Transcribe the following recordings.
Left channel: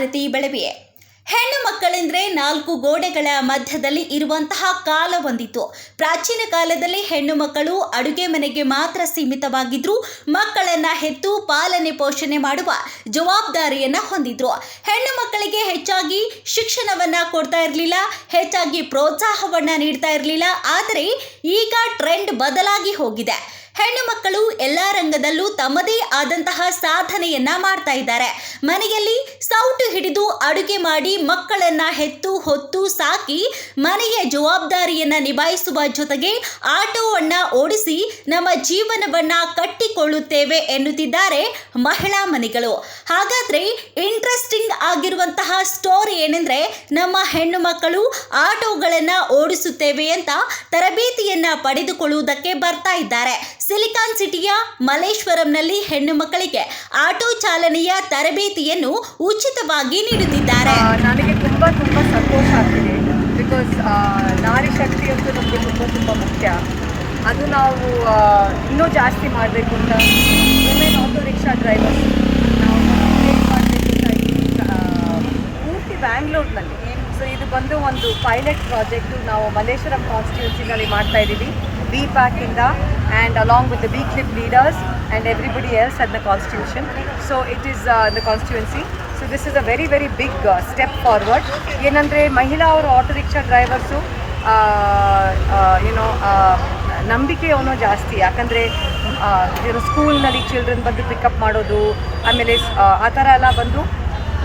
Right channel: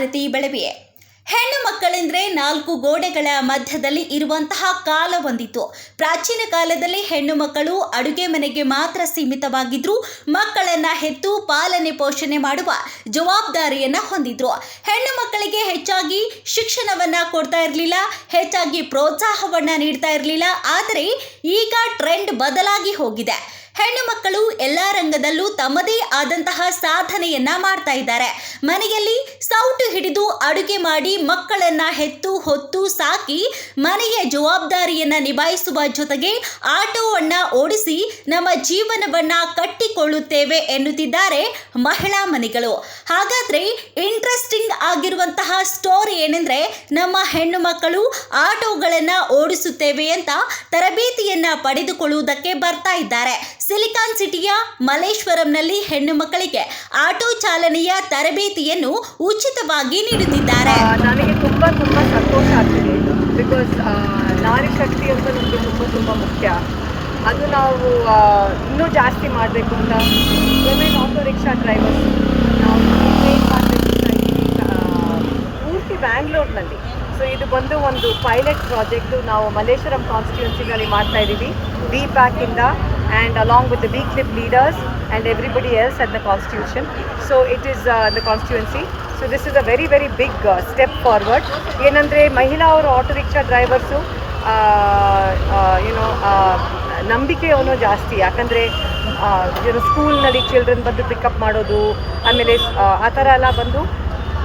ನಾನು ಆರತಿ ಹೆಣ್ಣು ಮಕ್ಕಳೆಂದರೆ ನಾಲ್ಕು ಗೋಡೆಗಳ ಮಧ್ಯದಲ್ಲಿ ಇರುವಂತಹ ಕಾಲ ಹೊಂದಿತ್ತು. ಪ್ರಾಚೀನ ಕಾಲದಲ್ಲಿ ಹೆಣ್ಣು ಮಕ್ಕಳು ಅಡುಗೆ ಮನೆಗೆ ಮಾತ್ರ ಸೀಮಿತವಾಗಿದ್ರು ಮಕ್ಕಳನ್ನ ಹೆತ್ತು ಪಾಲನೆ ಪೋಷಣೆ ಮಾಡುವ ಜವಾಬ್ದಾರಿಯನ್ನ ಹೊಂದಿದ್ರು. ಹೆಣ್ಣು ಮಕ್ಕಳಿಗೆ ಹೆಚ್ಚಾಗಿ ಶಿಕ್ಷಣವನ್ನ ಕೊಡ್ತಾ ಇರಲಿಲ್ಲ, ಹೆಚ್ಚಾಗಿ ಪ್ರೋತ್ಸಾಹವನ್ನ ನೀಡ್ತಾ ಇರಲಿಲ್ಲ, ಆದರೆ ಈಗ ಟ್ರೆಂಡ್ ಬದಲಾಗಿ ಹೋಗಿದೆ. ಹೆಣ್ಣು ಮಕ್ಕಳು ಎಲ್ಲ ರಂಗದಲ್ಲೂ ತಮ್ಮದೇ ಆದಂತಹ ಸಾಧನೆಯನ್ನ ಮಾಡ್ತಾ ಇದ್ದಾರೆ. ಮನೆಯಲ್ಲಿ ಸೌಟು ಹಿಡಿದು ಅಡುಗೆ ಮಾಡಿ ಮಕ್ಕಳನ್ನ ಹೆತ್ತು ಹೊತ್ತು ಸಾಕಿ ಮನೆಯ ಜವಾಬ್ದಾರಿಯನ್ನ ನಿಭಾಯಿಸುವ ಜೊತೆಗೆ ಆಟೋವನ್ನ ಓಡಿಸಿ ನಮ್ಮ ಜೀವನವನ್ನ ಕಟ್ಟಿಕೊಳ್ಳುತ್ತೇವೆ ಎನ್ನುತ್ತಿದ್ದಾರೆ ಮಹಿಳಾ ಮನೆಗಳು. ಹಾಗಾದ್ರೆ ಇಂಟ್ರೆಸ್ಟಿಂಗ್ ಆಗಿರುವಂತಹ ಸ್ಟೋರಿ ಏನೆಂದ್ರೆ ನಮ್ಮ ಹೆಣ್ಣು ಮಕ್ಕಳು ಆಟೋಗಳನ್ನ ಓಡಿಸುತ್ತೇವೆ ಅಂತ ತರಬೇತಿಯನ್ನ ಪಡೆದುಕೊಳ್ಳುವುದಕ್ಕೆ ಬರ್ತಾ ಇದ್ದಾರೆ. ಸಿಲಿಕಾನ್ ಸಿಟಿಯ ಮಲೇಶ್ವರಂನಲ್ಲಿ ಹೆಣ್ಣು ಮಕ್ಕಳಿಗೆ ಆಟೋ ಚಾಲನೆಯ ತರಬೇತಿಯನ್ನು ಉಚಿತವಾಗಿ ನೀಡುತ್ತಿದ್ದಾರೆ. ನನಗೆ ತುಂಬ ತುಂಬ ಸಂತೋಷ ಆಗ್ತಿದೆ. ಬಿಕಾಸ್ ನಾರಿ ತುಂಬ ತುಂಬ ಮುಖ್ಯ. ಅದು ನಾವು ಇನ್ನೂ ಜಾಸ್ತಿ ಮಾಡಬೇಕು ಅಂತ ವುಮೆನ್ ಆಟೋ ರಿಕ್ಷಾ ಡ್ರೈವರ್ಸ್ ನಾವು ಏನು ಮಾಡಬೇಕು ಅಂತ ಇದ್ದೀವಿ ಪೂರ್ತಿ ಬ್ಯಾಂಗ್ಳೂರ್ನಲ್ಲಿ ಸೊ ಇದು ಬಂದು ಒಂದು ಪೈಲಟ್ ಪ್ರಾಜೆಕ್ಟು ನಾವು ಮಲ್ಲೇಶ್ವರಂ ಕಾನ್ಸ್ಟಿಟ್ಯೂನ್ಸಿನಲ್ಲಿ ಮಾಡ್ತಾ ಇದ್ದೀವಿ. B ಪ್ಯಾಕಿಂದ and along with the B CLIP leaders and everybody else at the constitution so it is the constituency so this is a very very big step forward ಏನಂದರೆ ಮಹಿಳಾ ಅವರು ಆಟೋ ರಿಕ್ಷಾ ಡ್ರೈವರ್ಸು ಏನೋ ನಂಬಿಕೆ ಅವನು ಜಾಸ್ತಿ ಯಾಕಂದರೆ ಏನು ಸ್ಕೂಲ್ನಲ್ಲಿ ಚಿಲ್ಡ್ರನ್ ಬಂದು ಪಿಕಪ್ ಮಾಡೋದು ಆಮೇಲೆ ಆ ಥರ ಎಲ್ಲ ಬಂದು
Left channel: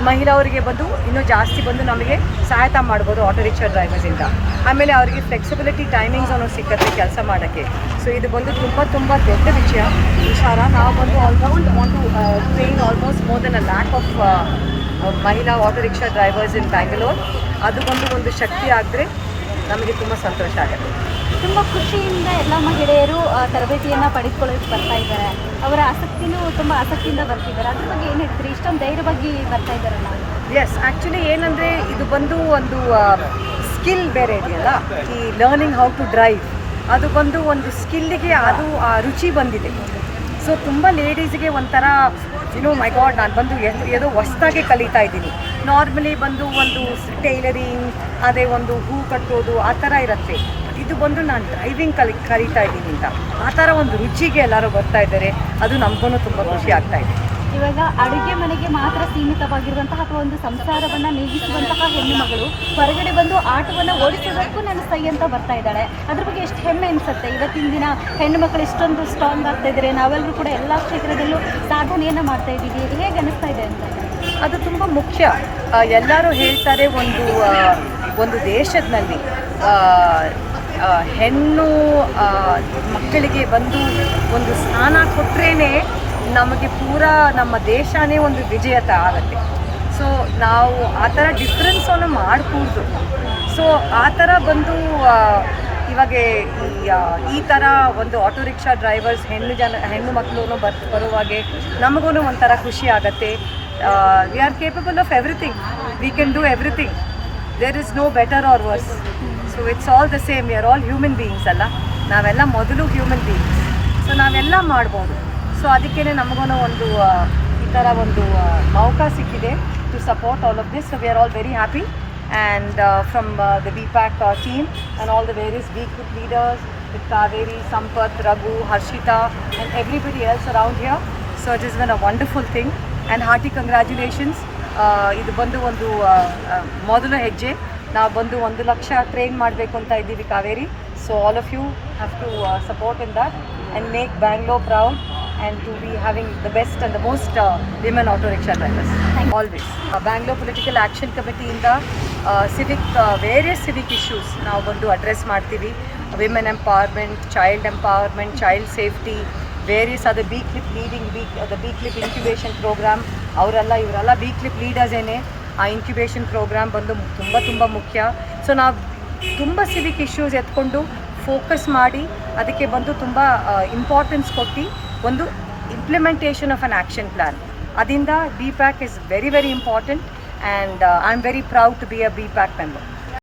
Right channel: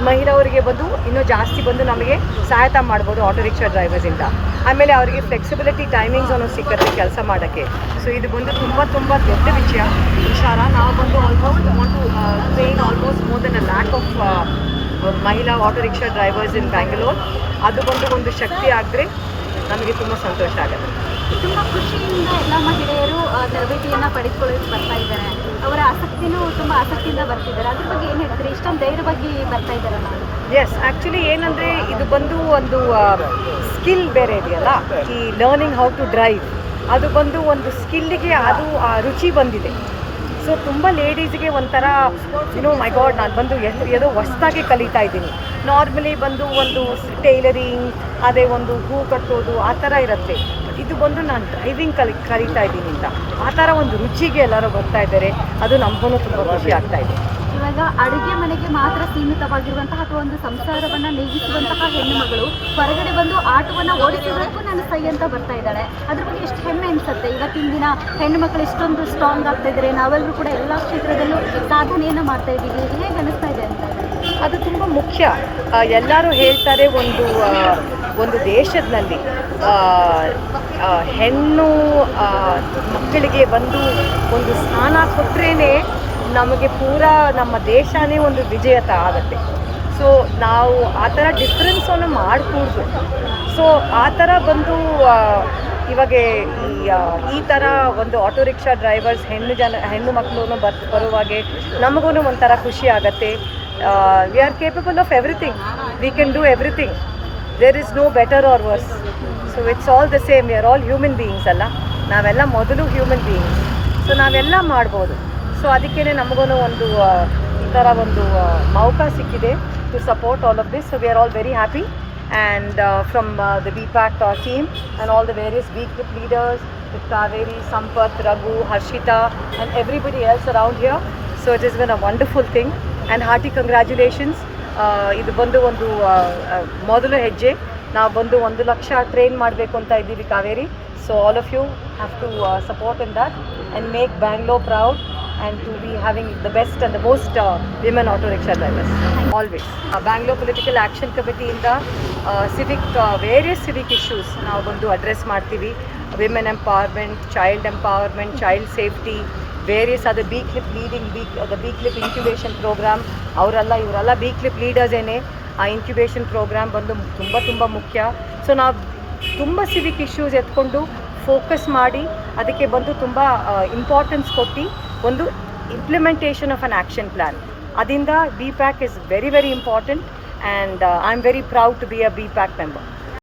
ಮಹಿಳೆಯರಿಗೆ ಬಂದು ಇನ್ನೂ ಜಾಸ್ತಿ ಬಂದು ನಮಗೆ ಸಹಾಯತ ಮಾಡ್ಬೋದು ಆಟೋ ರಿಕ್ಷಾ ಡ್ರೈವರ್ಸಿಂದ ಆಮೇಲೆ ಅವರಿಗೆ ಫ್ಲೆಕ್ಸಿಬಿಲಿಟಿ ಟೈಮಿಂಗ್ಸ್ ಅನ್ನೋ ಸಿಗುತ್ತೆ ಕೆಲಸ ಮಾಡೋಕ್ಕೆ. ಸೊ ಇದು ಬಂದು ತುಂಬ ತುಂಬ ದೊಡ್ಡ ವಿಷಯ. ವಿಚಾರ ನಾವು ಬಂದು ಆಲ್ಮೋಸ್ಟ್ ಒಂದು paying almost more than a lakh of ಮಹಿಳಾ auto rickshaw drivers in Bangalore ಅದು ಬಂದು ಒಂದು ಶಕ್ತಿ ಆದರೆ ನಮಗೆ ತುಂಬ ಸಂತೋಷ ಆಗುತ್ತೆ. ತುಂಬ ಖುಷಿಯಿಂದ ಎಲ್ಲ ಮಹಿಳೆಯರು ತರಬೇತಿಯನ್ನು ಪಡೆದುಕೊಳ್ಳೋಕೆ ಬರ್ತಾ ಇದ್ದಾರೆ. ಅವರ ಆಸಕ್ತಿನೂ ತುಂಬ ಆಸಕ್ತಿಯಿಂದ ಬರ್ತಿದ್ದಾರೆ. ಅದ್ರ ಬಗ್ಗೆ ಏನು ಹೇಳ್ತೀರಿ? ಇಷ್ಟೊಂದು ಧೈರ್ಯವಾಗಿ ಬರ್ತಾ ಇದ್ದಾರೆ ನಾವು ಎಸ್ ಆ್ಯಕ್ಚುಲಿ ಏನಂದರೆ ಇದು ಬಂದು ಒಂದು ಸ್ಕಿಲ್ ಬೇರೆ ಇದೆಯಲ್ಲ? ಈ ಲರ್ನಿಂಗ್ ಹೌ ಟು ಡ್ರೈವ್ ಅದು ಬಂದು ಒಂದು ಸ್ಕಿಲ್ಲಿಗೆ ಅದು ರುಚಿ ಬಂದಿದೆ. ಸೊ ತುಂಬ ಲೇಡೀಸ್ಗೆ ಒಂಥರ ಏನು ಮೈ ಗಾಡ್ ನಾನು ಬಂದು ಎದು ಹೊಸ್ದಾಗಿ ಕಲಿತಾ ಇದ್ದೀನಿ. ನಾರ್ಮಲಿ ಬಂದು ಒಂದು ಟೈಲರಿಂಗ್ ಅದೇ ಒಂದು ಹೂ ಕಟ್ಟೋದು, ಆ ಥರ ಇರುತ್ತೆ. ಇದು ಬಂದು ನಾನು ಡ್ರೈವಿಂಗ್ ಕಲಿ, ಕಲಿತಾ ಇದ್ದೀನಿ ಅಂತ. ಆ ಥರ ಒಂದು ರುಚಿಗೆ ಎಲ್ಲರೂ ಬರ್ತಾ ಇದ್ದಾರೆ. ಅದು ನಮಗೂ ತುಂಬ ಖುಷಿ ಆಗ್ತಾ ಇದೆ. ಇವಾಗ ಅಡುಗೆ ಮನೆಗೆ ಮಾತ್ರ ಸೀಮಿತವಾಗಿರುವಂತಹ ಅಥವಾ ಒಂದು ಸಂಸಾರವನ್ನು ನೀಗಿಸುವಂತಹ ಹೆಣ್ಣು ಮಗಳು ಹೊರಗಡೆ ಬಂದು ಆಟವನ್ನು ಓಡಿಸಬೇಕು ನಾನು ಸೈ ಅಂತ ಬರ್ತಾ ಇದ್ದಾಳೆ. ಅದ್ರ ಬಗ್ಗೆ ಎಷ್ಟು ಹೆಮ್ಮೆ ಅನಿಸುತ್ತೆ? ಇವತ್ತಿನ ದಿನ ಹೆಣ್ಣು ಮಕ್ಕಳು ಇಷ್ಟೊಂದು ಸ್ಟ್ರಾಂಗ್ ಆಗ್ತಾ ಇದ್ದಾರೆ. ನಾವೆಲ್ಲರೂ ಕೂಡ ಎಲ್ಲ ಕ್ಷೇತ್ರದಲ್ಲೂ ಸಾಧನೆಯನ್ನು ಮಾಡ್ತಾ ಇದ್ದೀವಿ. ಹೇಗೆ ಅನಿಸ್ತಾ ಇದೆ ಅದು ತುಂಬ ಮುಖ್ಯ. ಎಲ್ಲರೂ ಹೇಳ್ತಾರೆ ಒಂದು ಒಂದು ದೇಶದಲ್ಲಿ ಹೆಣ್ಣು ಮಕ್ಕಳಿಗೆ ಬಂದು ಒಂದು ಸ್ಥಾನ ಕೊಟ್ರೇ ನಮಗೆ ಪೂರ ನಮ್ಮ ದೇಶನೇ ಒಂದು ವಿಜೇತ ಆಗುತ್ತೆ. ಸೊ ನಾವು ಆ ಥರ ಡಿಫ್ರೆನ್ಸನ್ನು ಮಾಡಕೂಡ್ದು. ಸೊ ಆ ಥರ ಬಂದು ಇವಾಗ ಈ ಥರ ಒಂದು ಆಟೋ ರಿಕ್ಷಾ ಡ್ರೈವರ್ಸ್ ಹೆಣ್ಣು ಜನ, ಹೆಣ್ಣು ಮಕ್ಕಳು ಬರ್, ಬರುವಾಗೆ ನಮಗೂ ಒಂಥರ ಖುಷಿ ಆಗುತ್ತೆ. We are capable of everything we can do everything there is no better or worse so it's all the same we are all human beings ಅಲ್ಲ? ನಾವೆಲ್ಲ ಮೊದಲು ಹ್ಯೂಮನ್ ಬೀಯಿಂಗ್ಸ್ ಸೊ ನಾವೆಲ್ಲ ಮಾಡ್ಬೋದು. ಸೊ ಅದಕ್ಕೇ ನಮಗೂ ಒಂದು ಈ ಥರ ಒಂದು ಮೌಕ ಸಿಕ್ಕಿದೆ to support all of this so we are all very happy and from the the team and team and all the leaders BKIP leaders with Kaveri, Harshita everybody else around here. So it has been a wonderful thing and hearty congratulations. Uh, ಇದು ಬಂದು ಒಂದು ಮೊದಲ ಹೆಜ್ಜೆ ನಾವು ಬಂದು ಒಂದು lakh train ಮಾಡಬೇಕು ಅಂತ ಇದ್ದೀವಿ Kaveri so all of you have to support in that and make Bangalore proud and to be having the best and the most uh, women auto rickshaw drivers. Always. Uh, bangalore political action committee ಇಂದ civic various civic issues ನಾವು ಬಂದು address ಮಾಡ್ತೀವಿ. Women empowerment child empowerment child safety various ಅದು B CLIP leading B the B CLIP incubation programme ಅವರೆಲ್ಲ ಇವರೆಲ್ಲ B clip leaders ಏನೇ ಆ incubation program ಬಂದು ತುಂಬ ತುಂಬ ಮುಖ್ಯ. ಸೊ ನಾವು ತುಂಬ ಸಿವಿಕ್ ಇಶ್ಯೂಸ್ ಎತ್ಕೊಂಡು ಫೋಕಸ್ ಮಾಡಿ ಅದಕ್ಕೆ ಬಂದು ತುಂಬ ಇಂಪಾರ್ಟೆನ್ಸ್ ಕೊಟ್ಟು ಒಂದು implementation of an action plan ಅದರಿಂದ B PAC is very very important and I am very proud to be a B PAC member